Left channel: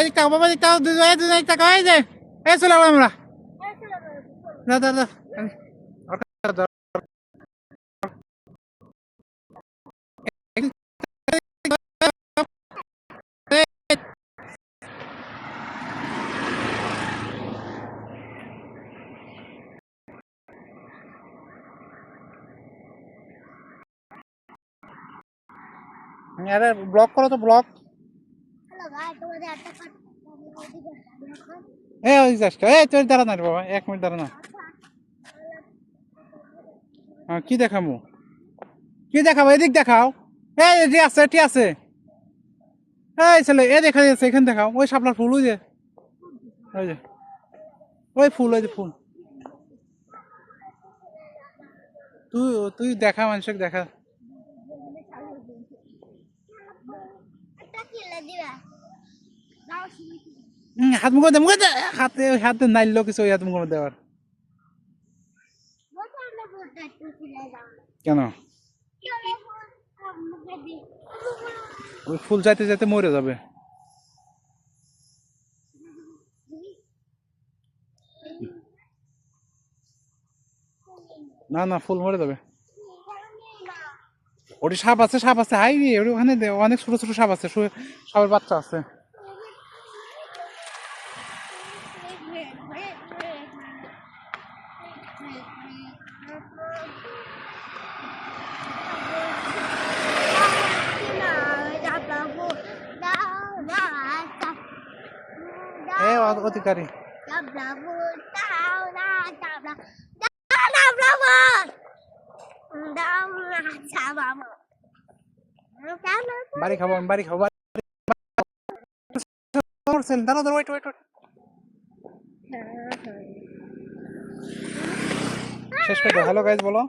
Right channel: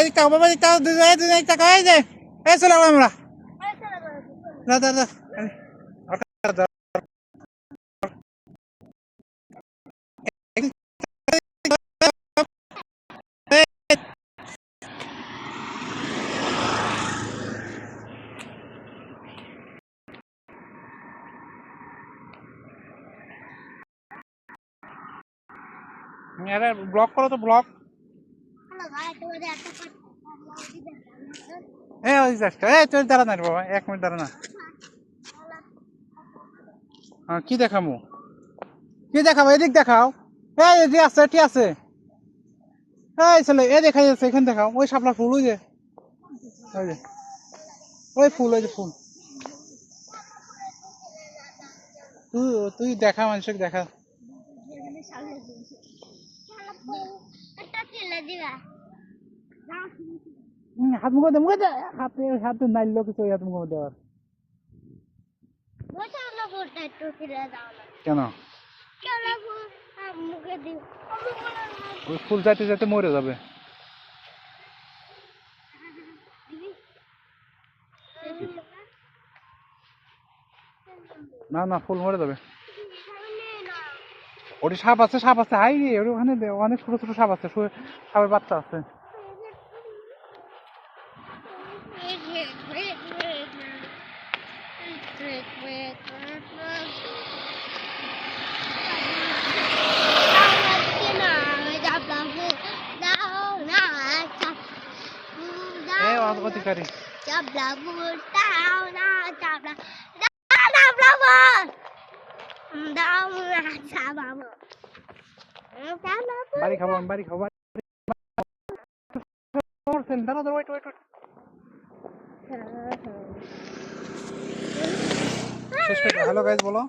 এদিক তাকাও বাবা, এদিক তাকাও, দুজন এদিক তাকাও, এই যে এই চলে গেলাম আমরা। দা দা দা আরে ব্লক করো তো, ব্লক। ওই জাস্ট তুই দাঁড়া না রে বাবা, 1 মিনিট দাঁড়া না। কি দেখামু, কি দেখাবো, এদিক দেখাও। এটি আছে, এটি আছে, এই ছেলে এ দেখা যাচ্ছে, এখানে দেখাও। ওই শাপলা ফুল, ওই যে, ওই যে ওই ফুল, ওই যে ফুল। তুই তুই দেখা, মানুষকে দেখা। হাত মুখে দে, মুখে দে, হাতে হাতে নাইলো কিছু, হাত মুখে দেওয়ার কেন? ওই ফুল যাইতে যাইতে মরে যাবে। না না, ফুল মরে যাবে। ওটি সাপ আছে, সাপ আছে, হাই রে, ওখানে অনেক ছোট ছোট সাপ আছে, সাপের বাচ্চা আছে। অধিকারী বাড়ি খাবো, আমি বাড়ি খাবো। দাঁড়া, ওয়েট ওয়েট, শেষ করে হ্যালো গাইস বলো।